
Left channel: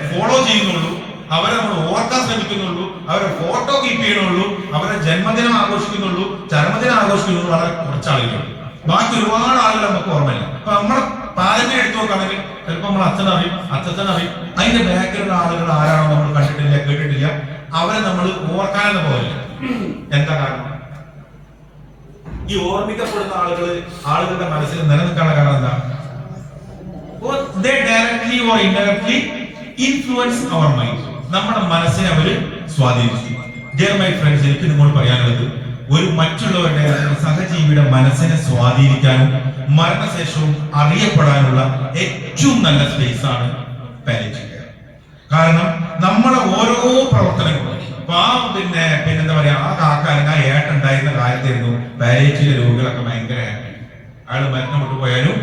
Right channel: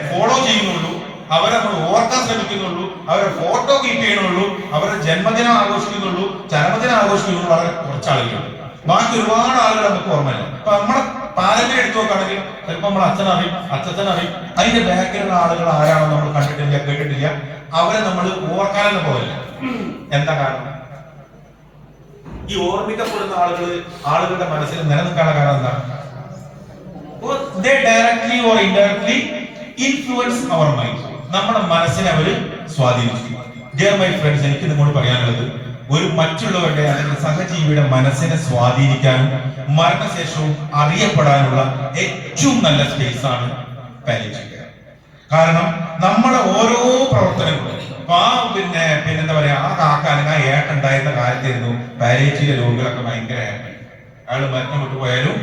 ഫോളോ ചെയ്യുന്നുള്ളൂ, അവരെ നമ്മൾ ഓർക്കാൻ ശ്രമിക്കുന്നുള്ളൂ, അവരെ ഫോട്ടോ കീപ്പ് ചെയ്യുന്നുള്ളൂ, അവരെ ജന്മദിനം ആഘോഷിക്കുന്നുള്ളൂ, ചരമദിനം ആഘോഷിക്കുന്നുള്ളൂ. വളരെ കുറച്ച് ആളുകൾ. ബാക്കി ഒരുപാട് ആളുകൾ നമുക്ക് ഓർമ്മയില്ല. അപ്പൊ നമ്മളെ പാരമ്പര്യം എടുത്തു നോക്കുകയാണെങ്കിൽ ചിലപ്പോൾ നമ്മൾ അച്ഛനറിയും, അച്ഛനറിയും, അതിന്റെ ബാക്കിലുള്ള ആളുകൾ ആരാണോ നമ്മൾ കണ്ടിട്ടില്ല, കേട്ടിട്ടില്ല, അവരെ നമ്മൾ ഓർക്കാനെന്ന് പോകില്ല. എന്താ കാരണം? ഈ ഓർമ്മിക്കപ്പെടുന്ന ആളുകളുടെ മനസ്സിൽ നിലനിൽക്കാനുള്ള കാരണം എന്താണ്? They directly or indirectly influence our mind. നമ്മുടെ മനസ്സിനെ അവര് സ്വാധീനിച്ചു. Dear my friends, എനിക്ക് നിങ്ങളോട് പറയാനുള്ളത്, ഒരു മറ്റുള്ളവരുടെ സഹജീവിയുടെ മനസ്സിനെ സ്വാധീനിക്കാനും മരണശേഷവും അറിയപ്പെടാനുള്ള ഏറ്റവും നല്ല സ്പേസ് ആണ് പാലിയേറ്റീവ് കെയർ. കാരണം നമ്മുടെ ഓരോ പ്രവർത്തനങ്ങളും എന്താ പറയാ, ആ കാക്ക അല്ലെങ്കിൽ ആ ഏട്ടുണ്ടായിരുന്ന കാലത്തായിരുന്നു പാലിയേറ്റീവ് രോഗികളൊക്കെ ഭയങ്കര ഹാപ്പി. അയാൾ മരണപ്പെട്ടു പോയാലും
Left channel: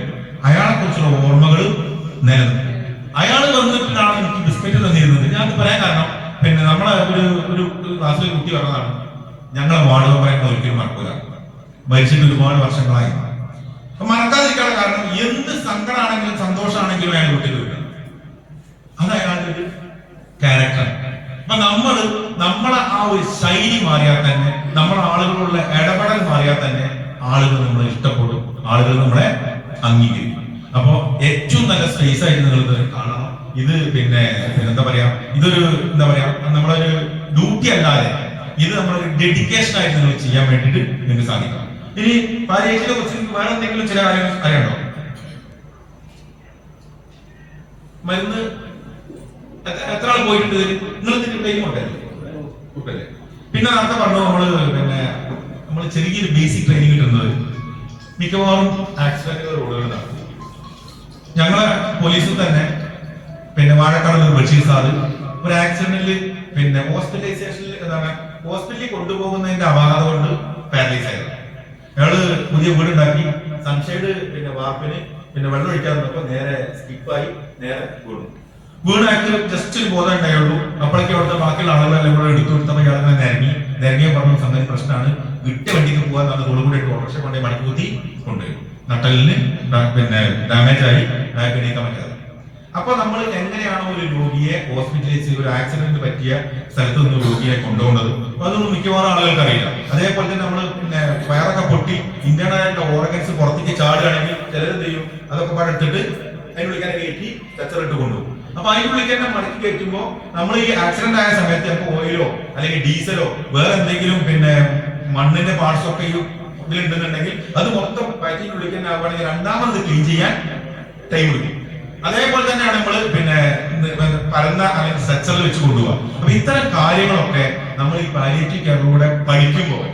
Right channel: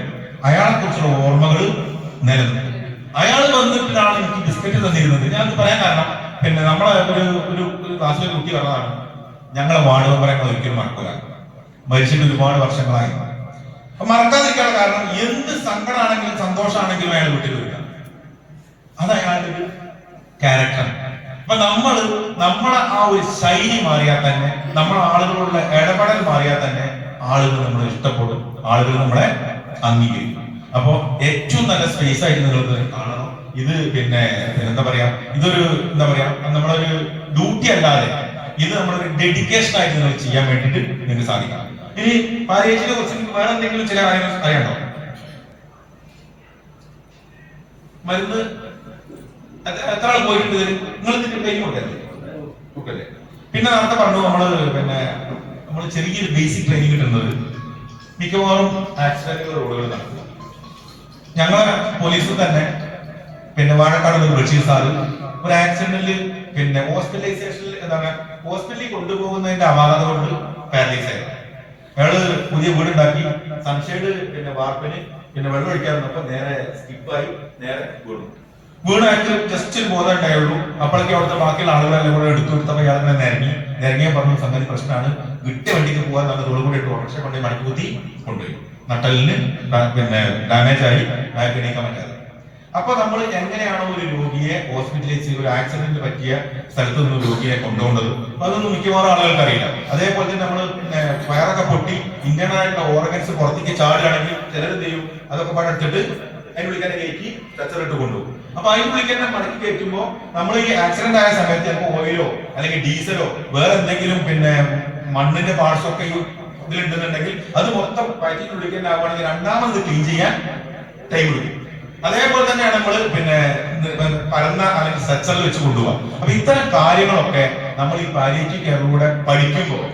അയാളെ കുറിച്ചുള്ള ഓർമ്മകൾ നിലനിൽക്കും. അയാൾ വന്നിട്ടാണ് എനിക്ക് ബിസ്ക്കറ്റ് തന്നിരുന്നത്. ഞാൻ പറയാൻ കാരണം, നമ്മളെ ഒരു ക്ലാസ്സിൽ കുട്ടി പറഞ്ഞതാണ്, ഞങ്ങളെ വാടക പറയുന്നത് ഒരിക്കലും മറക്കൂല, മരിച്ചിട്ട് ഒരുപാട് വർഷങ്ങളായി. അപ്പൊ മറക്കാതിരിക്കാനുള്ള കാരണം, എന്ത് സങ്കടമാണെങ്കിലും സന്തോഷമാണെങ്കിലും അയാൾ വീട്ടിൽ വരിക. അത് അയാളുടെ ഒരു ക്യാരക്ടർ. അപ്പൊ നമ്മളെ ആ ഒരു ശൈലി മാറിയാൽ തന്നെ, നമ്മളെ ആളുകളുള്ള ഇടപെടൽ മാറിയാൽ തന്നെ ആളുകൾ നമ്മളെ ഇഷ്ടപ്പെടും, ആളുകൾ നമ്മളെ അംഗീകരിക്കും. അപ്പൊ ഏറ്റവും നല്ല സ്പേസ് ആയിട്ട് നിങ്ങൾ കാണണം. ഇത് എന്താ പറയാ, ഇതൊരു നമ്മളൊരു ഡ്യൂട്ടി അല്ലാതെ ഇത് നമ്മളൊരു ഡെഡിക്കേഷൻ ആയിട്ട് നിങ്ങൾ ചെയ്യാൻ വേണ്ടിയിട്ട് നിങ്ങൾക്ക് സാധിക്കണം. ഇനി പാലിയേറ്റീവിനെ കുറിച്ച് വേറെ എന്തെങ്കിലും ചില കാര്യങ്ങൾ അറിയണോ? മരുന്ന് എത്ര ആൾ പോയിട്ടുണ്ട്? നിങ്ങൾ ട്രെയിനിങ് കൊടുക്കല്ലേ? പിന്നെ നേരത്തെ പറഞ്ഞു നമ്മൾ ചെറിയൊരു ബേസിക് ട്രെയിനിങ് കിട്ടുന്നത് മിക്കവാറും ആക്സിഡന്റുകൾ റോഡുകൾ നടക്കും. ഞങ്ങളെ പോലീസിൽ തന്നെ വാഴക്കാട് ബഷീർ സാറ് ഒരു ആക്സിഡന്റിൽ ഹോസ്പിറ്റലൈസേഷനിൽ ഹോസ്പിറ്റലിൽ കൊണ്ടുപോകുന്നതിന്റെ അപാകത കൊണ്ട് പാരലൈസ് ആയിരുന്നു. അയാള് പുതിയ വീടുണ്ടാക്കി സൺഷൈഡ് വാർപ്പിന് വെള്ളം ഒഴിക്കാൻ വന്നപ്പോ നേരെ സ്കിപ്പായി നേരെ വീണായിട്ട് ജസ്റ്റ് ഒരു ബോധം ഉണ്ടായുള്ളൂ. അപ്പോഴേക്കും അവിടുത്തെ ബാക്കിയുള്ള ആളുകളെല്ലാം കൂടെ എടുത്തു കൊടുത്തപ്പോൾ ഇയാൾ നിരങ്ങിയ പറഞ്ഞ സംഗതി പ്രശ്നമാണ്, വിട്ട് വണ്ടിക്ക് പോകാൻ നമ്മൾ കൂടെ ഇട്ട് ഓട്ടോറിക്ഷ കൊണ്ടുപോയി മടക്കി കുത്തി കൊണ്ടുപോയി. നട്ടലിന് ഡാമേജ് ആയി അയാൾക്ക് എണീക്കാൻ പറ്റാതെ. അപ്പൊ നമ്മൾ എങ്ങനെയാണോ ഒരു രോഗിയെ ഹോസ്പിറ്റലൈസ് ഒരു ആക്സിഡന്റ് പറ്റിയ സ്ഥലത്ത് നിന്ന് രോഗിയെ കൊണ്ടുപോകുന്നത്, അതൊന്നും മിക്കവാറും ആളുകൾക്ക് അറിയില്ല. അതേപോലെ തന്നെ നമ്മൾ വയറൊക്കെ പൊട്ടി ഇന്റേണൽ ആയിട്ടുള്ള ഓർഗൻസ് പുറത്തേക്ക് ചാടുകയാണെങ്കിൽ ചിലരെന്ത് ചെയ്യും, അതൊക്കെ പടത്തിട്ട് അതിനുള്ളിൽ കയറ്റി ടച്ചറിട്ട് കൊണ്ടുപോകും. അപ്പൊ അതിനുള്ളിൽ തന്നെ മടക്കി കയറ്റുമ്പോ നമ്മൾ ഈ ആക്സിഡന്റ് ആയ സമയത്ത് ചിലപ്പോൾ ഓയിലോ അല്ലെങ്കിൽ ഡീസലോ വേറെ എന്തെങ്കിലും മണ്ണിന്റെ പാർട്സ് ഒക്കെ ഇതിലുണ്ടെന്നുണ്ടെങ്കിൽ അത് മൊത്തം വയറ്റിനുള്ളിൽ തന്നെ ആവുകയാണെങ്കിൽ രണ്ടാമത് ക്ലീൻ ചെയ്യാൻ ടൈം എടുക്കും. അതേപോലെ തന്നെയാണ് നമ്മൾ പരന്ന അല്ലെങ്കിൽ സ്ട്രെച്ചറിൽ വെച്ച് കൊണ്ടുപോകാം. അപ്പൊ ഇത്തരം കാര്യങ്ങളൊക്കെ നമ്മൾ ഈ പാലിയേറ്റീവ് കെയറിലൂടെ പഠിക്കുമ്പോൾ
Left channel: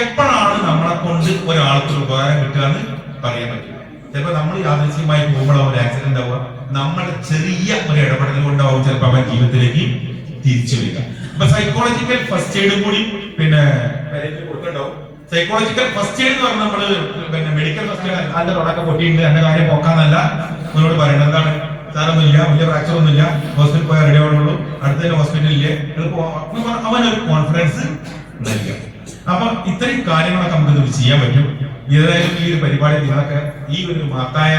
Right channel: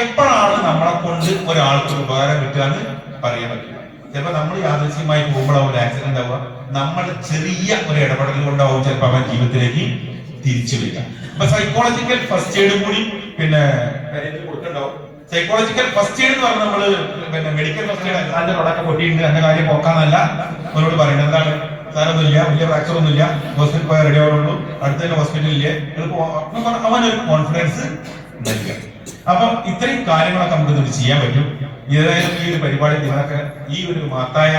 എപ്പോഴാണ് നമ്മളെ കൊണ്ട് ഒരാൾക്ക് ഉപകാരം കിട്ടുക എന്ന് പറയാൻ പറ്റില്ല. ചിലപ്പോൾ നമ്മൾ യാദൃശ്ചികമായി പോകുമ്പോഴാവും ഒരു ആക്സിഡന്റ് ആവുക, നമ്മളുടെ ചെറിയ ഒരു ഇടപെടൽ കൊണ്ടാവും ചിലപ്പോൾ അവൻ ജീവിതത്തിലേക്ക് തിരിച്ചു വരിക. അപ്പൊ സൈക്കോളജിക്കൽ ഫസ്റ്റ് എയ്ഡും കൂടി കൊടുക്കണ്ടാവും. സൈക്കോളജിക്കൽ ഫസ്റ്റ് എയ്ഡ് എന്ന് പറഞ്ഞാൽ നമ്മള് മെഡിക്കൽ ഫസ്റ്റ് എയ്ഡ് അതിന്റെ തുടക്കം പൊട്ടിയിട്ടുണ്ട്, എന്റെ കാര്യം പോക്കാന്നല്ല നമ്മളോട് പറയുന്നത്. എന്താണ്, സാരൊന്നുമില്ല, വലിയ ഫ്രാക്ചർ ഒന്നുമില്ല, ഹോസ്പിറ്റൽ പോയാൽ റെഡി ആവുള്ളൂ, അടുത്ത തന്നെ ഹോസ്പിറ്റലിലെ അവനൊരു കോൺഫിഡൻസ് നൽകുക. അപ്പൊ ഇത്രയും കാര്യങ്ങളൊക്കെ നമുക്ക് ചെയ്യാൻ പറ്റും. ഏതായാലും ഈ ഒരു പരിപാടി നിങ്ങളൊക്കെ ഈ ഒരു മഹത്തായ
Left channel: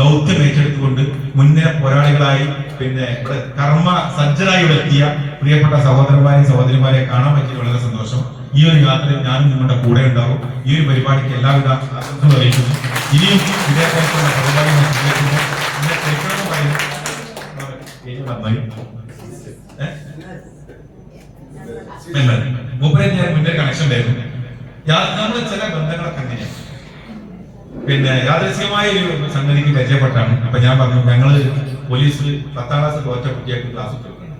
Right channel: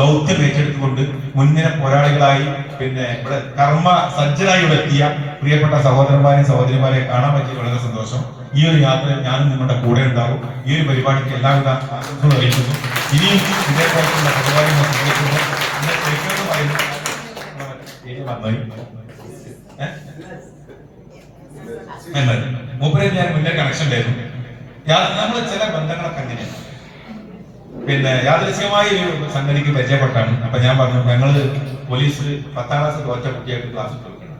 ദൗത്യം ഏറ്റെടുത്തുകൊണ്ട് മുന്നേ പോരാളികളായി ഇവിടെ കർമ്മ സജ്ജനായി ഇവിടെ എത്തിയ പ്രിയപ്പെട്ട സഹോദരന്മാരെയും സഹോദരിമാരെ കാണാൻ പറ്റിയ വളരെ സന്തോഷം. ഈ ഒരു യാത്രയിൽ ഞാനും നിങ്ങളുടെ കൂടെ ഉണ്ടാവും. ഈ ഒരു പരിപാടിക്ക് എല്ലാവിധ ആശംസകളും അറിയിക്കുന്നു. ഇനിയും ഇതേപോലുള്ള പരിപാടി മൂപ്പരെ ഞാൻ മുന്നേ കണക്ഷൻ ഉണ്ടായിരുന്നു. നമ്മൾ ചില ബന്ധങ്ങളൊക്കെ അങ്ങനെയാണ്. യാദൃശ്ചികമായി ഒരു സംഗതിക്ക് പരിചയപ്പെട്ടാണ്. അപ്പൊ ഞാൻ പറഞ്ഞു, ഞങ്ങള് പോലീസ് 10ാം ക്ലാസ് തോറ്റ കുട്ടിയൊക്കെ ക്ലാസ് തീർക്കണം.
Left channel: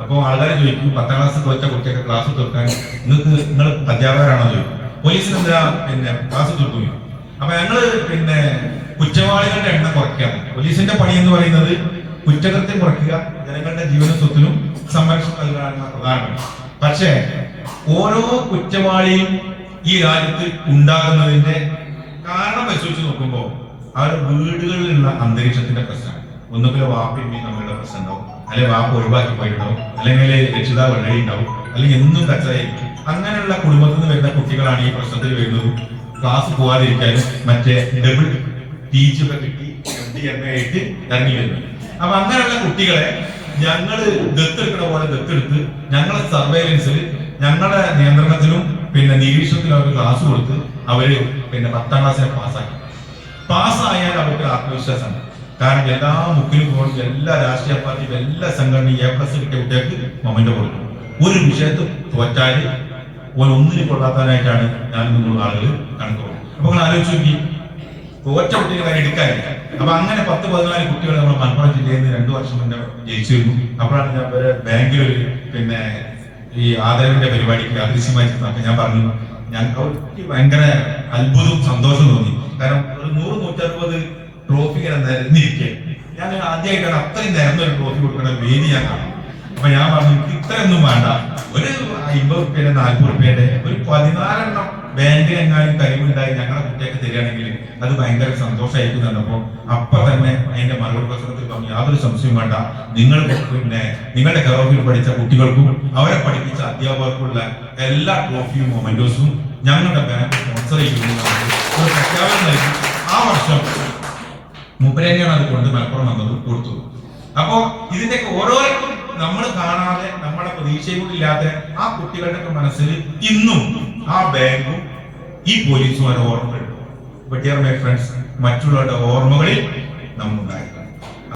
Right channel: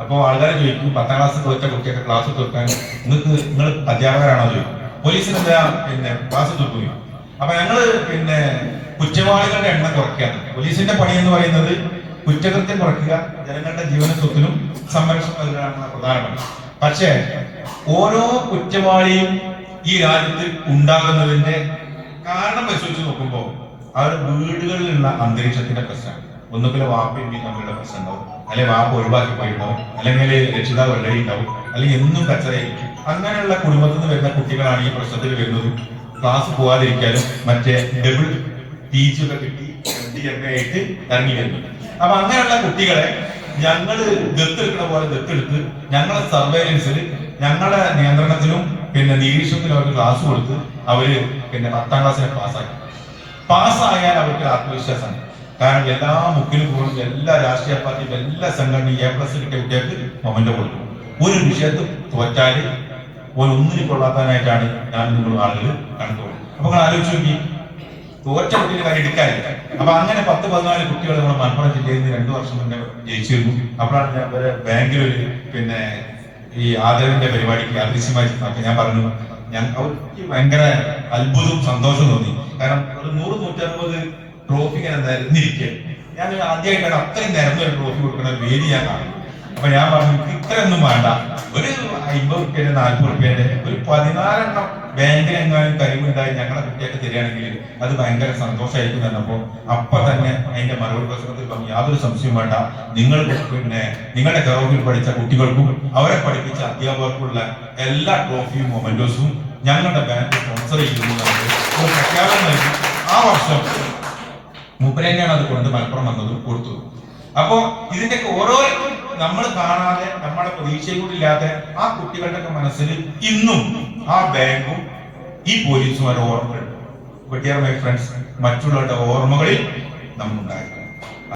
അപ്പൊ ആൾക്കാരെ ചോദിക്കും, 10ാം ക്ലാസ് തോറ്റ കുട്ടിയൊക്കെ ക്ലാസ് തീർക്കാൻ നിങ്ങൾ അധ്യാപകരാണോ ചോദിക്കും. പോലീസിന് എന്താ ക്ലാസ് തീർക്കുകയും. അപ്പൊ ഞങ്ങള് പിന്നെ കുറ്റവാളികളുടെ എണ്ണം കുറയ്ക്കാണ്. പോലീസിന്റെ പണി എന്ന് പറയുന്നത് കുറ്റകൃത്യം കുറയ്ക്കുക, ജനങ്ങളുടെ ജീവനും സ്വത്തിനും സംരക്ഷണം നൽകുകയാണ് പ്രധാനപ്പെട്ട. പക്ഷേ ഓരോ കുറ്റവാളിയും ഈ രാജ്യത്ത് ഉണ്ടാകുന്നതിന്റെ കാരണം പരിശോധിച്ച് നോക്കുമ്പോൾ അവരുടെ വീടുകളിലുള്ള അന്തരീക്ഷത്തിന്റെ പ്രശ്നമാണ്. ഒന്നുകിൽ വാപ്പയും തമ്മിലുള്ള പ്രശ്നം ഉണ്ടാവും, അല്ലെങ്കിൽ വാപ്പ ഒഴിവാക്കി പോയിട്ടുണ്ടാവും, അല്ലെങ്കിൽ രക്ഷിതാവ് വെള്ളരി ഉണ്ടാവും, അല്ലെങ്കിൽ എന്നും കച്ചറയായിരിക്കും. അങ്ങനെയുള്ള കുടുംബത്തിൽ നിന്ന് വരുന്ന കുട്ടികളാണ് ഈ പ്രശ്നത്തിൽ വരുന്നതും. ക്ലാസ് പോകാതിരിക്കാനും മറ്റേ ഡബിൾ ടീച്ചൊക്കെ കിട്ടി ആയിട്ട് ഇറങ്ങി വരുന്നു. അപ്പൊ അങ്ങനെയുള്ള കുട്ടികളെ ഞങ്ങള് ദത്തെടുക്കുന്ന പോലെ ദത്തെടുത്ത് ഞങ്ങളുടെ സർവൈലൻസിൽ, ഞങ്ങളുടെ നിയന്ത്രണത്തിലും പിന്നെ നിരീക്ഷണത്തിലും അവർക്ക് ക്ലാസ് കൊടുത്ത് അവര് പിന്നെ 10ാം ക്ലാസ്സിനെ പാസ്സായാൽ അവർക്ക് ആത്മവിശ്വാസമാണ്. കാരണം എല്ലാ മുക്കിലും പോകുന്ന എല്ലാ രാഷ്ട്രീയ പാർട്ടിയും എല്ലാ സംഘടനയും A+ കിട്ടിയ കുട്ടികൾക്ക് മൊമെന്റ് കൊടുക്കും. ഒരു വിഷയത്തിൽ തോറ്റാല് ഒന്നിനും കൊള്ളാത്തതിനായിട്ടാണ് ഞാൻ നിങ്ങൾ ആളുകൾ കണക്കുള്ളത്. അപ്പൊ നിങ്ങൾ ആലോചിച്ച് നോക്കി, തോറ്റ കുട്ടിയെ വരെ എടുക്കാനില്ല. അപ്പൊ അങ്ങനെ 10-14 കുട്ടികൾ നമ്മൾ മലപ്പുറം ജില്ലയിൽ നിന്ന് 2 വർഷം മുന്നേ ജയിച്ചിരുന്നു. അപ്പോഴാണ് ഞാൻ വരെ ബാങ്കിൽ പിന്നെ ഈ ആദരവിന്റെ പരിപാടിക്ക് അദൃശ്യമായി ഞാൻ പറഞ്ഞു, ഞങ്ങൾക്ക് ഭയങ്കര അത്ഭുതവും സന്തോഷം തോന്നി. കാരണം ഒരു 100-160 ട്രോഫി ഇങ്ങനെ നിരന്നിരിക്കുക. ഞാൻ ആദ്യമായിട്ടാണ് അത്രയും നിരന്നൊരു ട്രോഫി കൊടുക്കുന്ന ഒരു വേദി ഞാൻ കാണും. അപ്പൊ ഞാൻ പറഞ്ഞു, ഇത്രയൊന്നും വേണ്ട, ഒരു 50 റുപ്യയുടെ 40 റുപ്യന്റെ ഒരു 14 എണ്ണം ബാങ്കിനെങ്ങാനും കഴിവുണ്ടായി ഞങ്ങളെ കുട്ടിയൊക്കെ തരികയാണെങ്കിൽ അത് ഭയങ്കര സന്തോഷമായിരിക്കും തന്നപ്പോ അപ്പൊ തന്നെ അതിന്റെ മറുപടി പ്രശ്നത്തിൽ പറഞ്ഞു, യാതൊരു സംശയവും വേണ്ട, നിങ്ങൾ പിന്നെ നിങ്ങളുടെ കെയർ പഠിച്ച കുട്ടികൾക്കും അവരെ പഠിപ്പിച്ച അധ്യാപകർക്കുള്ള എല്ലാ ട്രോഫിയും മൊമെന്റോസും ഞങ്ങളുടെ ബാങ്ക് സ്പോൺസർ ചെയ്യുന്നു ഒരു പ്രഖ്യാപനം നൽകി. ആ വർഷം മൂപ്പരേനെയാണ് അത് കൊണ്ട് മലപ്പുറം വന്നതും കൊടുത്തു. അപ്പോ ഇതിന്റെയൊക്കെ ഓരോ നമ്മൾ കാണാതെ നമ്മളെ പ്രതീക്ഷയും കൂടി ഇല്ലാതെ ആ കുട്ടികളുടെ മനസ്സിൽ ഇന്നും ആ ബാങ്കും ഈ പോലീസും ഓരോ ഓർമ്മകളുണ്ട്. ബട്ട് ഡിയർ മൈ ഫ്രണ്ട്സ്, മറ്റുള്ളവരുടെ ഓർമ്മകളിൽ